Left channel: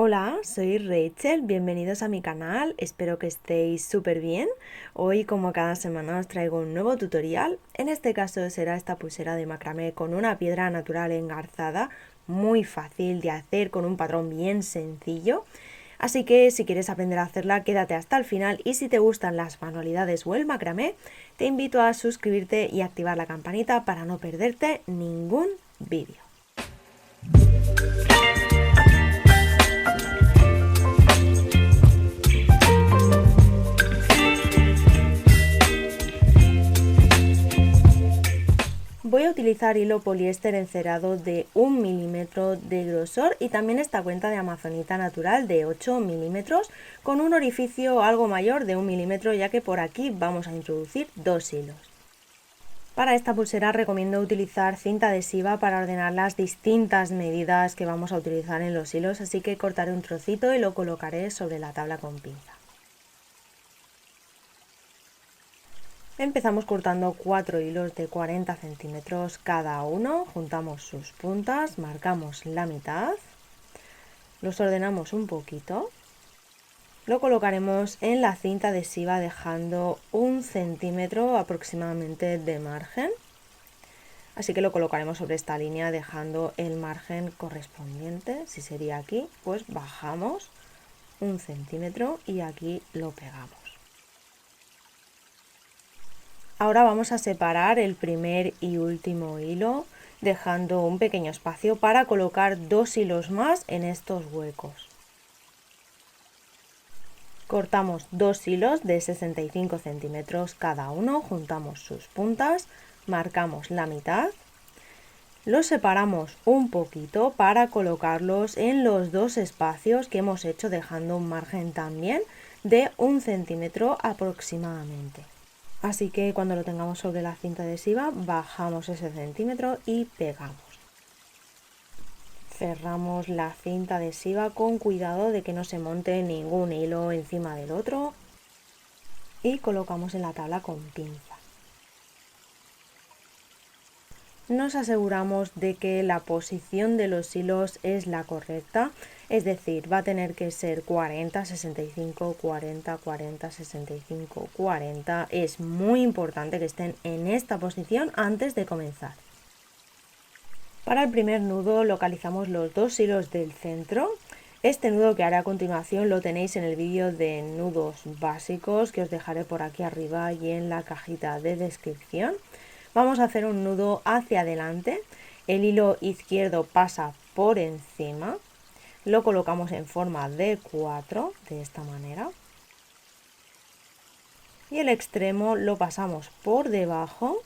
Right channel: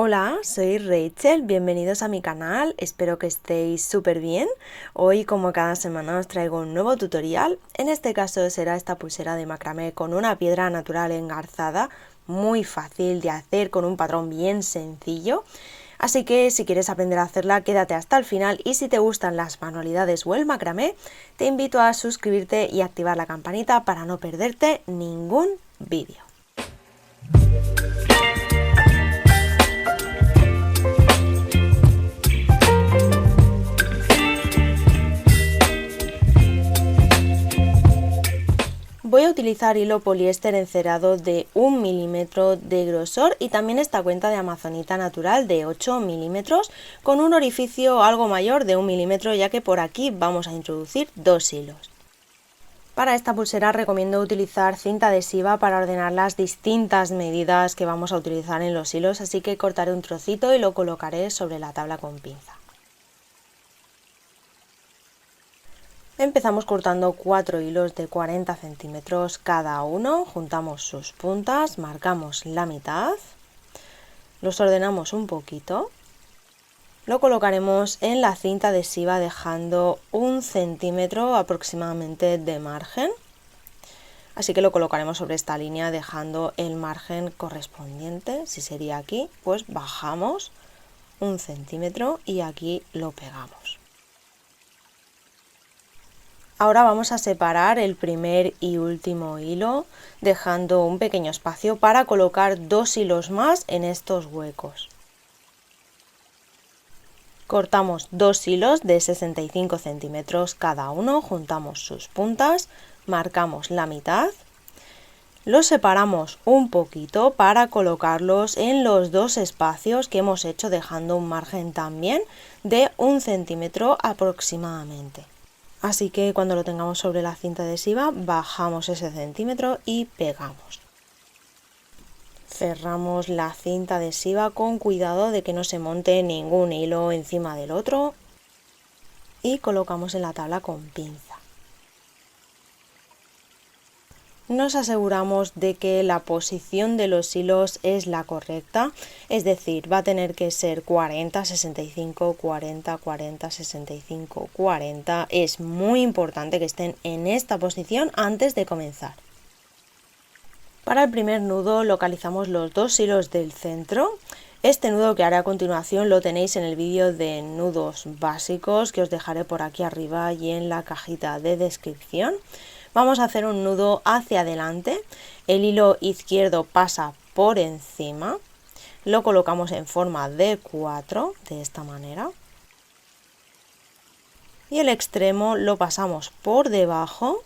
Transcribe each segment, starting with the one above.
Hola, soy Rachel, bienvenidos a mi canal, espero que estéis súper bien. Hoy, como cada semana, os traigo un nuevo tutorial. En este caso será esta pulsera de macramé con una piedra natural engarzada, muy fácil de hacer, con un patrón bien sencillo. Así que si quieres aprender a hacerla, quédate hasta el final, y si te gustan las manualidades o el macramé, te invito a suscribirte y activar la campanita para no perderte ningún vídeo. Voy a utilizar hilo poliéster encerado de 1 milímetro de grosor y también esta cuenta de amazonita natural de 8 milímetros con un orificio algo mayor de 1 milímetro, ya que por aquí vamos a introducir 2 hilos. Para esta pulsera recomiendo utilizar cinta adhesiva para ordenar las distintas medidas que vamos a utilizar en los hilos, así que cortaré un trocito y lo colocaré sobre la tabla con pinza. Empezamos cortando 4 hilos de 40 centímetros cada uno, juntamos sus puntas, marcamos la mitad, los ordenamos un poquito, lo colocaremos en la cinta adhesiva dejando 1 centímetro aproximadamente de margen, así que lo colocaremos sobre esta línea dejando el margen correspondiente. Si sería aquí, pues bajamos 1 centímetro y aquí lo pegamos. Ahora vamos a separar el primer y último hilo, dejando un pequeño espacio para colocar 2 hilos más en estos huecos. Cortamos 2 hilos de 65 centímetros cada uno, juntamos sus puntas, marcamos la mitad, los separamos un poquito para colocarlos en los dos espacios que hemos hecho, dejando un margen también de 1 centímetro aproximadamente. Así que cuando lo tengamos sobre la cinta adhesiva, bajamos ese centímetro y pegamos. Cerramos la cinta adhesiva con cuidado de que no se monte ningún hilo encima del otro y colocamos en la tabla con pinza. Nos aseguramos de que la posición de los hilos es la correcta, es decir, va a tener que ser 40, 65, 40, 40, 65, 40. Es muy importante que estén en esta posición antes de comenzar. Para el primer nudo localizamos los 2 hilos del centro. Este nudo que haré a continuación lo tenéis en el vídeo de nudos básicos que os dejaré por aquí arriba y en la cajita de descripción. Vamos a hacer un nudo hacia adelante, el hilo izquierdo pasa por encima, lo colocamos en forma de 4, de esta manera, y el extremo lo pasamos por debajo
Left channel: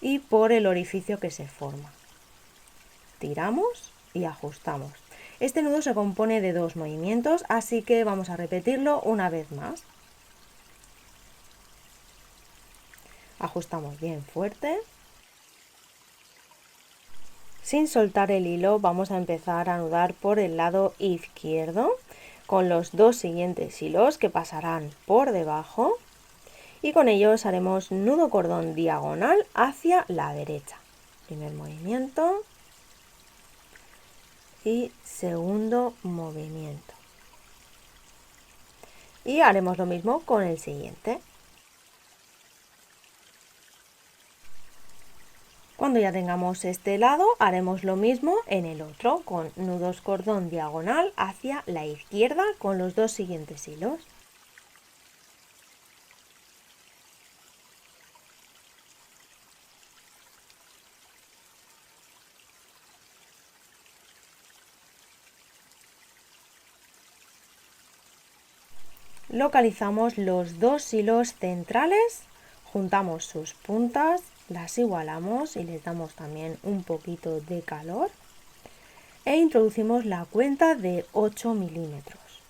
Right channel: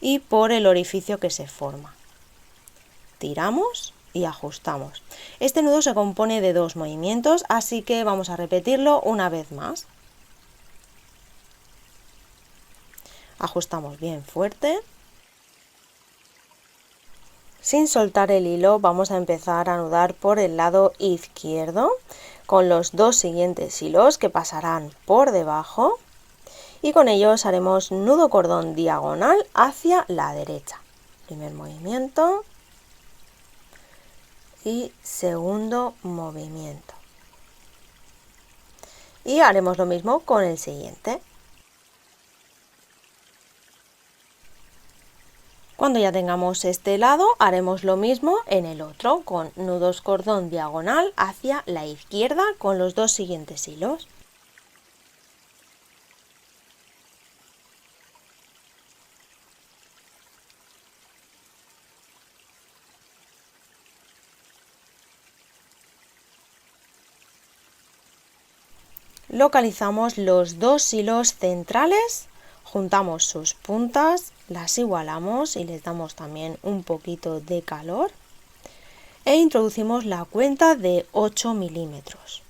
y por el orificio que se forma. Tiramos y ajustamos. Este nudo se compone de 2 movimientos, así que vamos a repetirlo una vez más. Ajustamos bien fuerte. Sin soltar el hilo vamos a empezar a anudar por el lado izquierdo con los 2 siguientes hilos que pasarán por debajo y con ellos haremos nudo cordón diagonal hacia la derecha. Primer movimiento y segundo movimiento. Y haremos lo mismo con el siguiente. Cuando ya tengamos este lado, haremos lo mismo en el otro, con nudos cordón diagonal hacia la izquierda con los 2 siguientes hilos. Localizamos los 2 hilos centrales, juntamos sus puntas, las igualamos y les damos también un poquito de calor e introducimos la cuenta de 8 milímetros.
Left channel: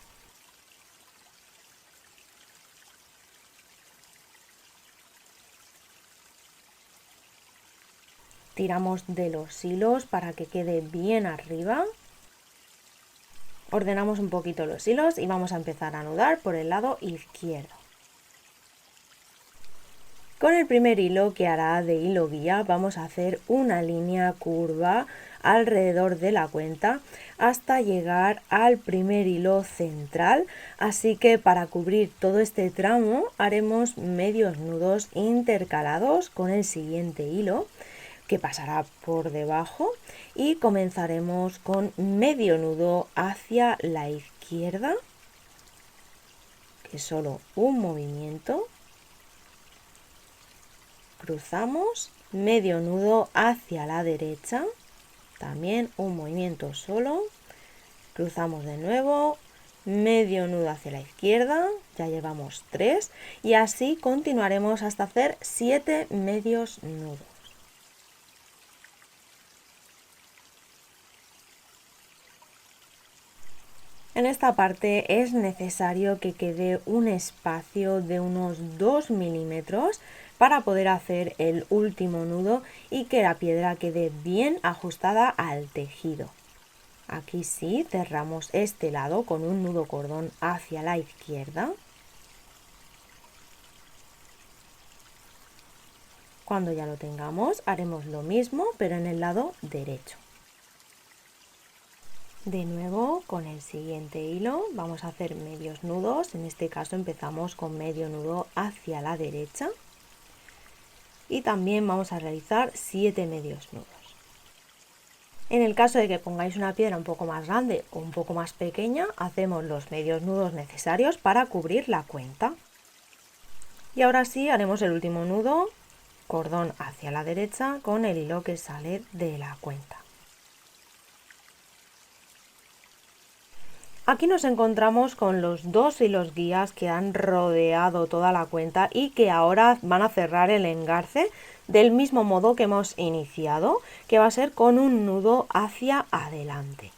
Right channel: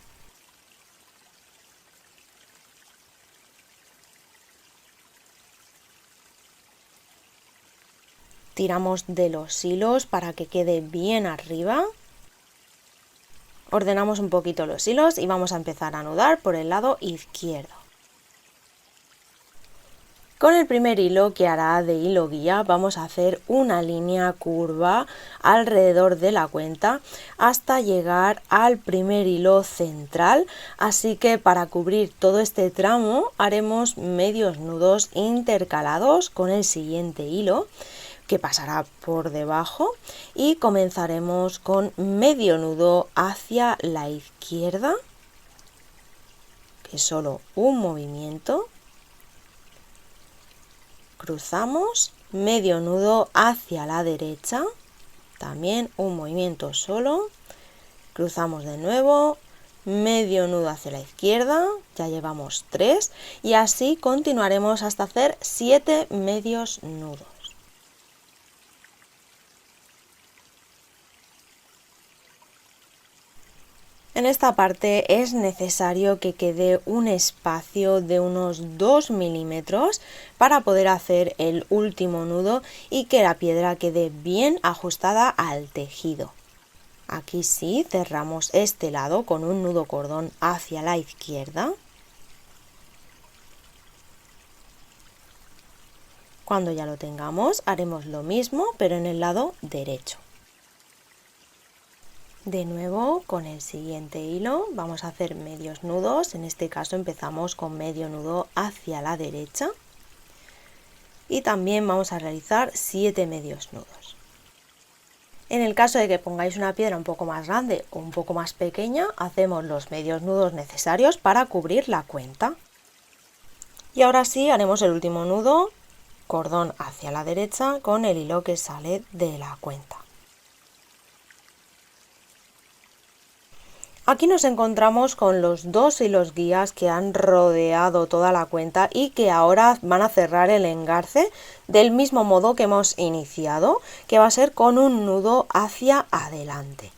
Tiramos de los hilos para que quede bien arriba. Ordenamos un poquito los hilos y vamos a empezar a anudar por el lado izquierdo. Con el primer hilo que hará de hilo guía vamos a hacer una línea curva alrededor de la cuenta hasta llegar al primer hilo central, así que para cubrir todo este tramo haremos medios nudos intercalados con el siguiente hilo que pasará por debajo y comenzaremos con medio nudo hacia la izquierda, que es solo un movimiento. Cruzamos, medio nudo hacia la derecha, también un movimiento solo, cruzamos de nuevo, medio nudo hacia la izquierda, ya llevamos 3 y así continuaremos hasta hacer 7 medios nudos. En esta parte es necesario que quede un espacio de unos 2 milímetros para poder hacer el último nudo y que la piedra quede bien ajustada al tejido. Aquí sí cerramos este lado con un nudo cordón hacia la izquierda. Cuando ya lo tengamos haremos lo mismo pero en el lado derecho. De nuevo con el siguiente hilo vamos a hacer medios nudos, en este caso empezamos con medio nudo hacia la derecha y también vamos a realizar 7 medios nudos. En el caso de que pongáis una piedra un poco más grande o un poco más pequeña, hacemos los medios nudos necesarios para cubrir la cuenta. Y ahora sí haremos el último nudo, cordón hacia la derecha con el hilo que sale de la cuenta. Aquí nos encontramos con los 2 hilos guías que han rodeado toda la cuenta y que ahora van a cerrar el engarce del mismo modo que hemos iniciado, que va a ser con un nudo hacia adelante.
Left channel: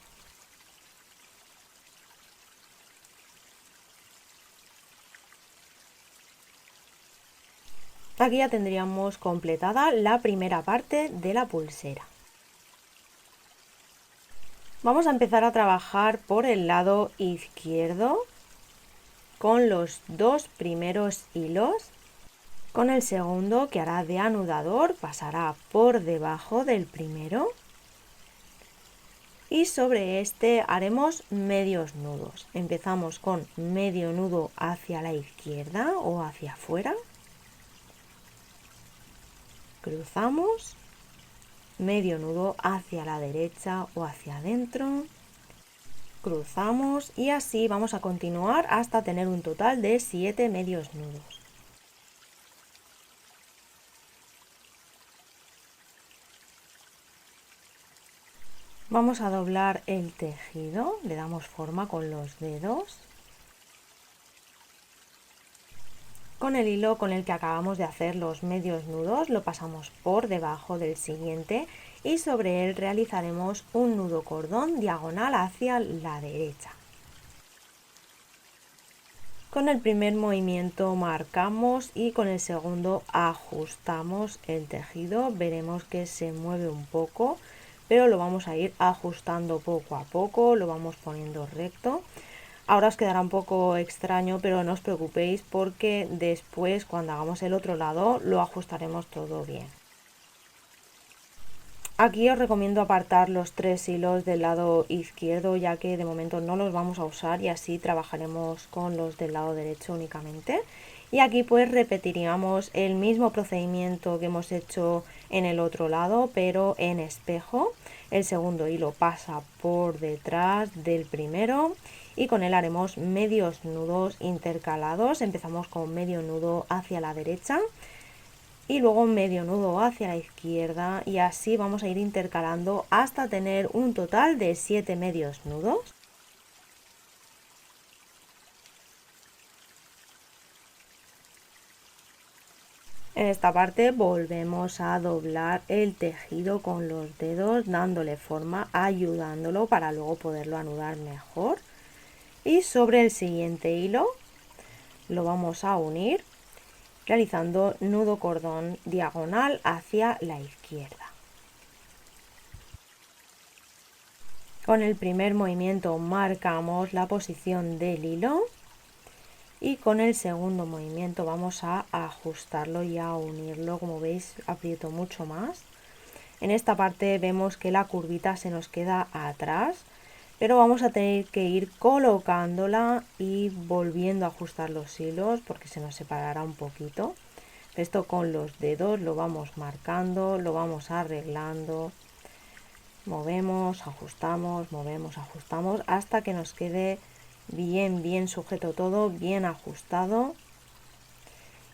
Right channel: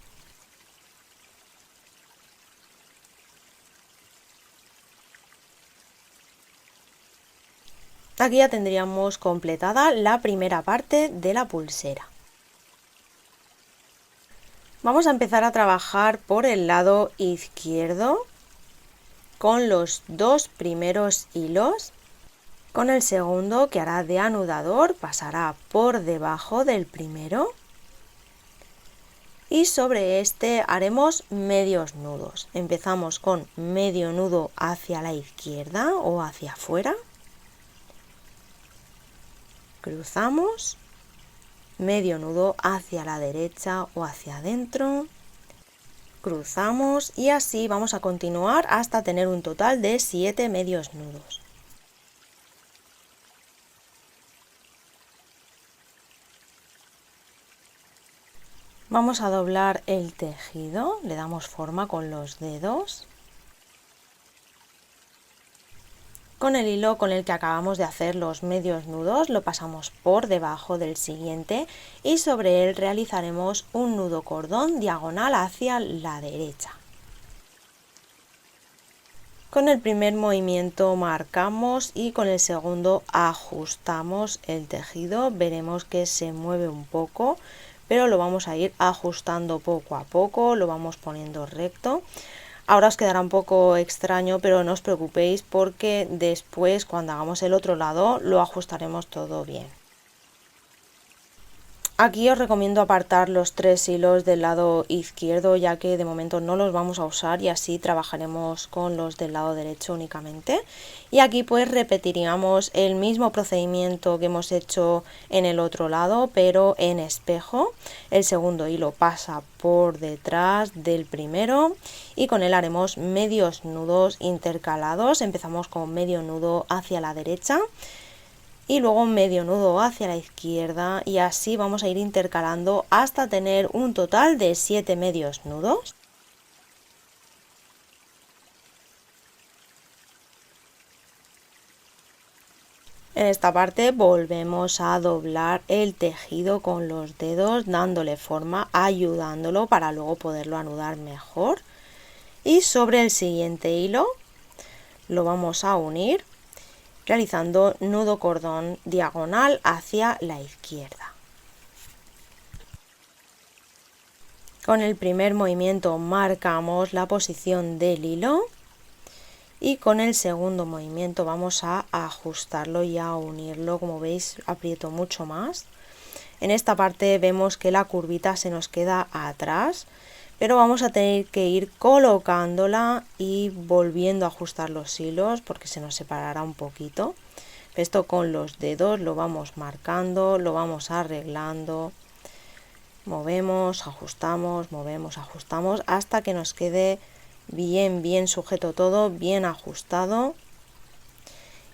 Aquí ya tendríamos completada la primera parte de la pulsera. Vamos a empezar a trabajar por el lado izquierdo con los 2 primeros hilos. Con el segundo, que hará de anudador, pasará por debajo del primero. Y sobre este haremos medios nudos. Empezamos con medio nudo hacia la izquierda o hacia afuera. Cruzamos. Medio nudo hacia la derecha o hacia adentro, cruzamos y así vamos a continuar hasta tener un total de 7 medios nudos. Vamos a doblar el tejido, le damos forma con los dedos. Con el hilo con el que acabamos de hacer los medios nudos lo pasamos por debajo del siguiente y sobre él realizaremos un nudo cordón diagonal hacia la derecha. Con el primer movimiento marcamos y con el segundo ajustamos el tejido. Veremos que se mueve un poco, pero lo vamos a ir ajustando poco a poco, lo vamos poniendo recto. Ahora os quedará un poco extraño, pero no os preocupéis porque después cuando hagamos el otro lado lo ajustaremos todo bien. Aquí os recomiendo apartar los 3 hilos del lado izquierdo ya que de momento no los vamos a usar y así trabajaremos con los del lado derecho únicamente. Y aquí pues repetiríamos el mismo procedimiento que hemos hecho en el otro lado pero en espejo. El segundo hilo pasa por detrás del primero y con él haremos medios nudos intercalados. Empezamos con medio nudo hacia la derecha y luego medio nudo hacia la izquierda y así vamos a ir intercalando hasta tener un total de 7 medios nudos. En esta parte volvemos a doblar el tejido con los dedos dándole forma, ayudándolo para luego poderlo anudar mejor y sobre el siguiente hilo lo vamos a unir realizando nudo cordón diagonal hacia la izquierda. Con el primer movimiento marcamos la posición del hilo y con el segundo movimiento vamos a ajustarlo y a unirlo. Como veis, aprieto mucho más. En esta parte vemos que la curvita se nos queda atrás, pero vamos a tener que ir colocándola y volviendo a ajustar los hilos porque se nos separará un poquito. Esto con los dedos lo vamos marcando, lo vamos arreglando, movemos, ajustamos hasta que nos quede bien sujeto todo, bien ajustado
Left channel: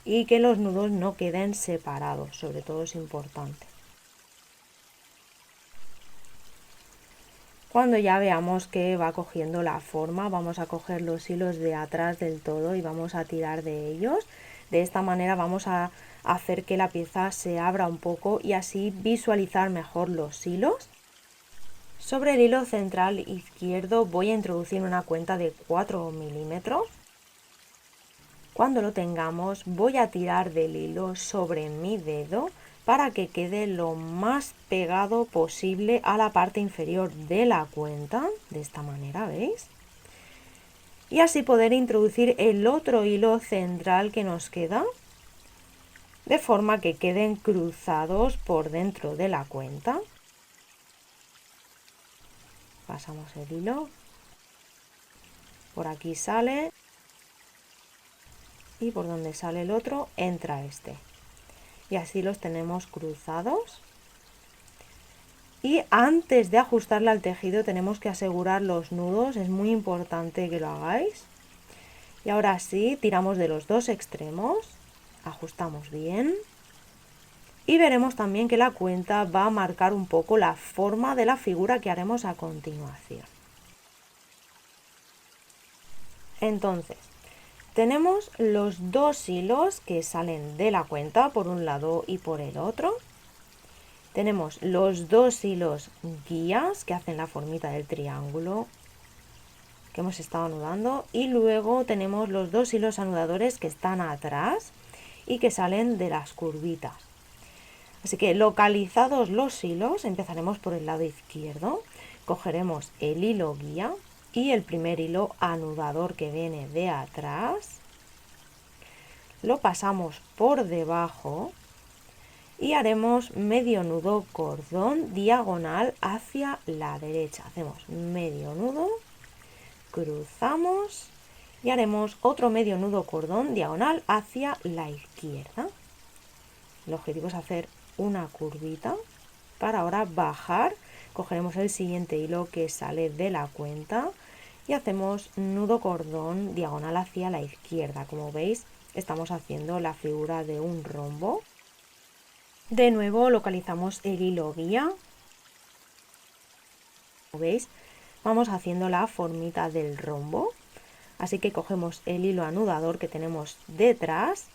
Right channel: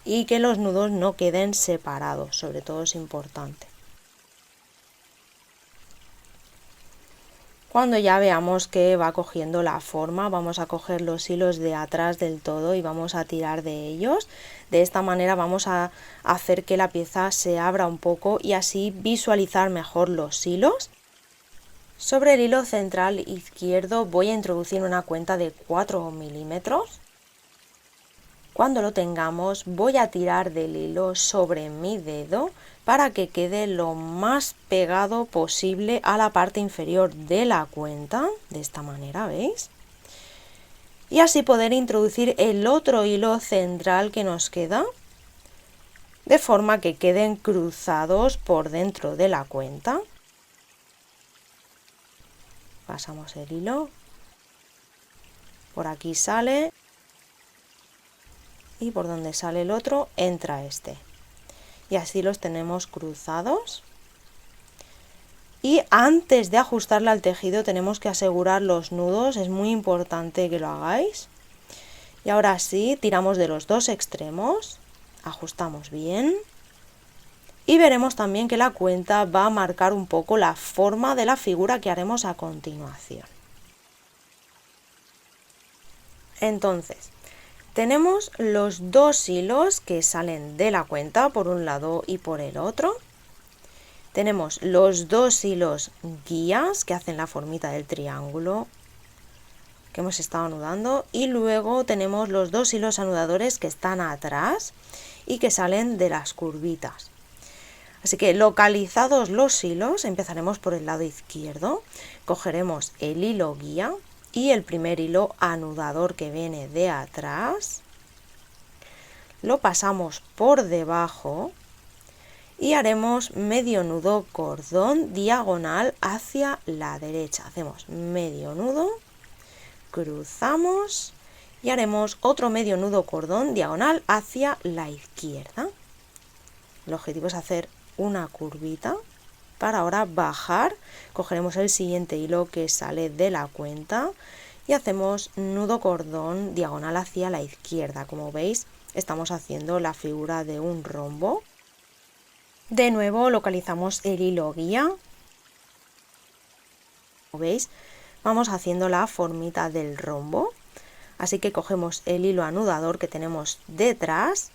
y que los nudos no queden separados, sobre todo es importante. Cuando ya veamos que va cogiendo la forma, vamos a coger los hilos de atrás del todo y vamos a tirar de ellos. De esta manera vamos a hacer que la pieza se abra un poco y así visualizar mejor los hilos. Sobre el hilo central izquierdo voy a introducir una cuenta de 4 milímetros. Cuando lo tengamos voy a tirar del hilo sobre mi dedo para que quede lo más pegado posible a la parte inferior de la cuenta, de esta manera, ¿veis? Y así poder introducir el otro hilo central que nos queda, de forma que queden cruzados por dentro de la cuenta. Pasamos el hilo, por aquí sale y por donde sale el otro entra este. Y así los tenemos cruzados. Y antes de ajustarla al tejido tenemos que asegurar los nudos, es muy importante que lo hagáis. Y ahora sí, tiramos de los dos extremos, ajustamos bien. Y veremos también que la cuenta va a marcar un poco la forma de la figura que haremos a continuación. Entonces, tenemos los dos hilos que salen de la cuenta por un lado y por el otro. Tenemos los dos hilos guías que hacen la formita del triángulo que hemos estado anudando y luego tenemos los dos hilos anudadores que están atrás y que salen de las curvitas. Así que localizados los hilos, empezaremos por el lado izquierdo, cogeremos el hilo guía y el primer hilo anudador que viene de atrás, lo pasamos por debajo y haremos medio nudo cordón diagonal hacia la derecha. Hacemos medio nudo, cruzamos y haremos otro medio nudo cordón diagonal hacia la izquierda. El objetivo es hacer una curvita para ahora bajar. Cogeremos el siguiente hilo que sale de la cuenta y hacemos nudo cordón diagonal hacia la izquierda. Como veis, estamos haciendo la figura de un rombo. De nuevo localizamos el hilo guía. Como veis, vamos haciendo la formita del rombo. Así que cogemos el hilo anudador que tenemos detrás,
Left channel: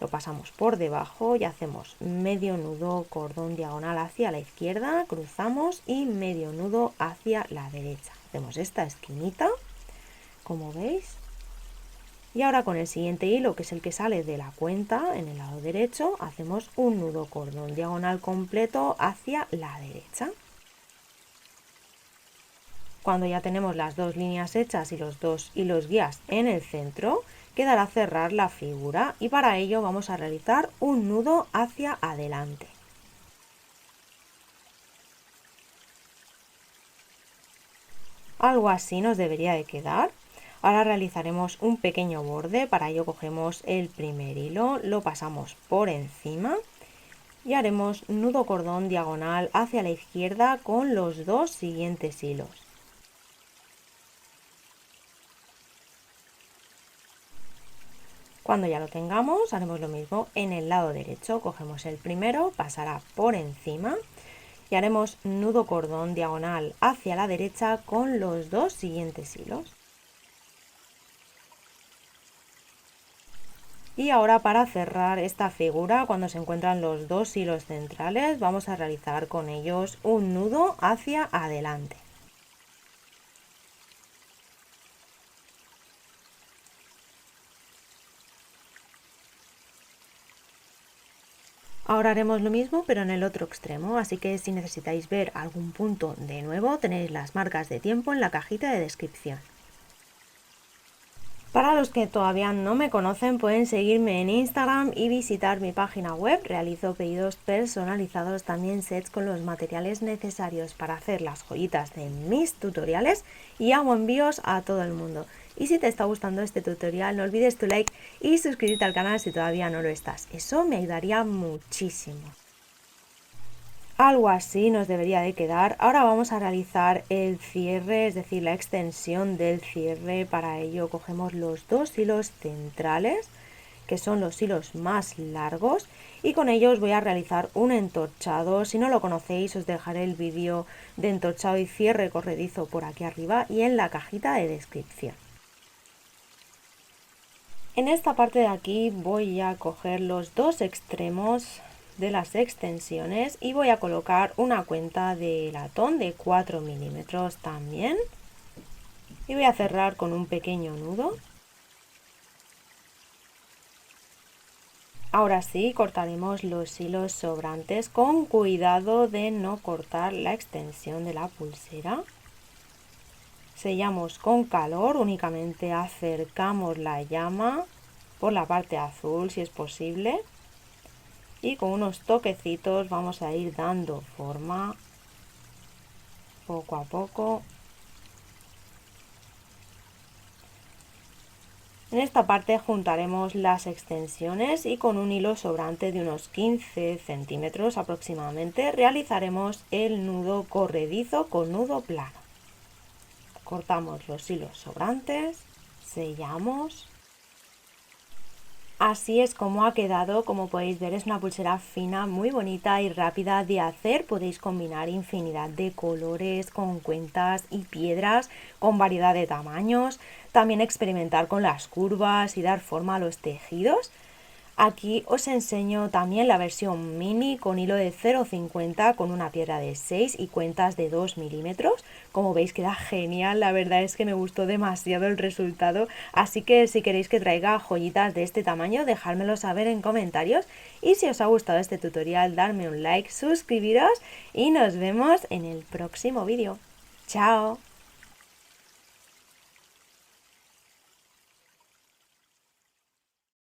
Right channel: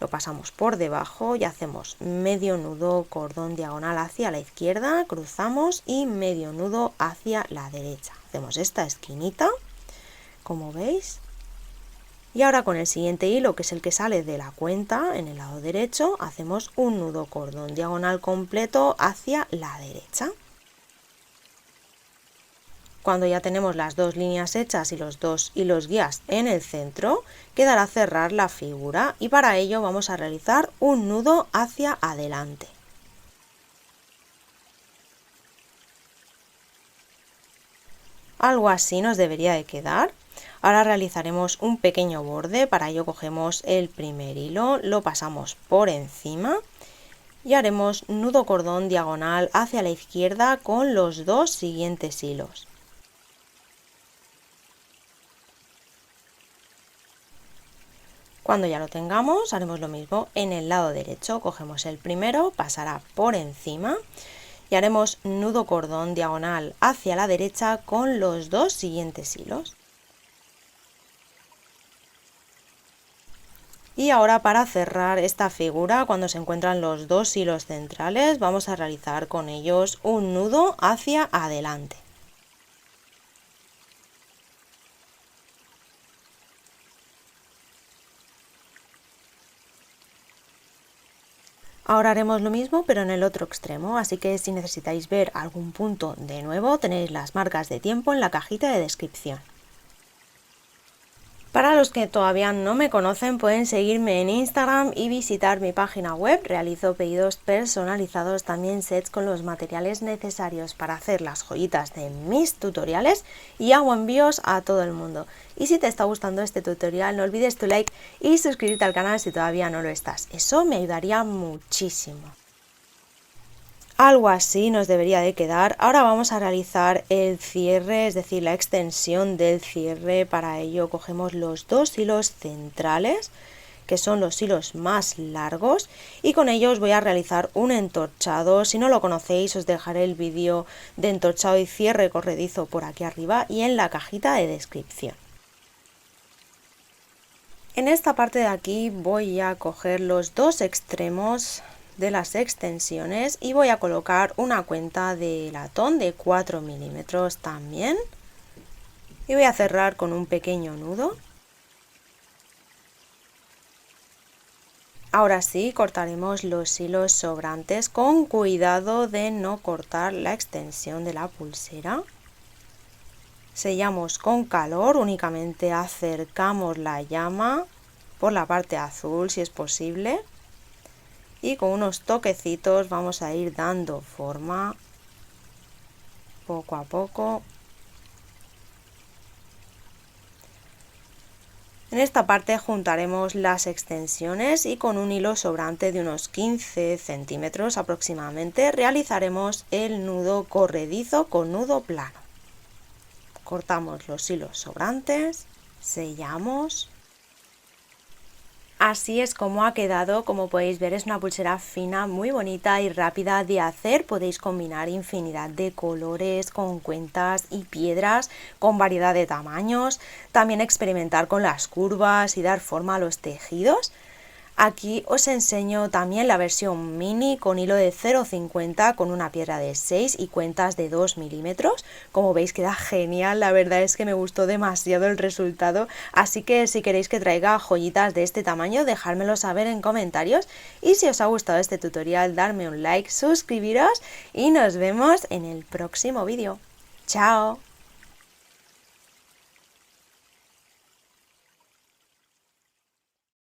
lo pasamos por debajo y hacemos medio nudo cordón diagonal hacia la izquierda, cruzamos y medio nudo hacia la derecha. Hacemos esta esquinita, como veis. Y ahora con el siguiente hilo, que es el que sale de la cuenta, en el lado derecho, hacemos un nudo cordón diagonal completo hacia la derecha. Cuando ya tenemos las dos líneas hechas y los dos hilos guías en el centro, quedará cerrar la figura y para ello vamos a realizar un nudo hacia adelante. Algo así nos debería de quedar. Ahora realizaremos un pequeño borde, para ello cogemos el primer hilo, lo pasamos por encima y haremos nudo cordón diagonal hacia la izquierda con los dos siguientes hilos. Cuando ya lo tengamos, haremos lo mismo en el lado derecho, cogemos el primero, pasará por encima y haremos nudo cordón diagonal hacia la derecha con los dos siguientes hilos. Y ahora para cerrar esta figura, cuando se encuentran los dos hilos centrales, vamos a realizar con ellos un nudo hacia adelante. Ahora haremos lo mismo pero en el otro extremo, así que si necesitáis ver algún punto de nuevo tenéis las marcas de tiempo en la cajita de descripción. Para los que todavía no me conocen, pueden seguirme en Instagram y visitar mi página web. Realizo pedidos personalizados, también sets con los materiales necesarios para hacer las joyitas de mis tutoriales y hago envíos a todo el mundo. Y si te está gustando este tutorial, no olvides tu like y suscribirte al canal si todavía no lo estás. Eso me ayudaría muchísimo. Algo así nos debería de quedar. Ahora vamos a realizar el cierre, es decir, la extensión del cierre. Para ello cogemos los dos hilos centrales, que son los hilos más largos, y con ellos voy a realizar un entorchado. Si no lo conocéis, os dejaré el vídeo de entorchado y cierre corredizo por aquí arriba y en la cajita de descripción. En esta parte de aquí voy a coger los dos extremos de las extensiones y voy a colocar una cuenta de latón de 4 milímetros también y voy a cerrar con un pequeño nudo. Ahora sí, cortaremos los hilos sobrantes con cuidado de no cortar la extensión de la pulsera. Sellamos con calor, únicamente acercamos la llama por la parte azul si es posible. Y con unos toquecitos vamos a ir dando forma poco a poco. En esta parte juntaremos las extensiones y con un hilo sobrante de unos 15 centímetros aproximadamente realizaremos el nudo corredizo con nudo plano. Cortamos los hilos sobrantes, sellamos. Así es como ha quedado. Como podéis ver, es una pulsera fina, muy bonita y rápida de hacer. Podéis combinar infinidad de colores con cuentas y piedras, con variedad de tamaños. También experimentar con las curvas y dar forma a los tejidos. Aquí os enseño también la versión mini con hilo de 0,50 con una piedra de 6 y cuentas de 2 milímetros. Como veis queda genial, la verdad es que me gustó demasiado el resultado, así que si queréis que traiga joyitas de este tamaño, dejármelo saber en comentarios. Y si os ha gustado este tutorial, darme un like, suscribiros y nos vemos en el próximo vídeo. ¡Chao!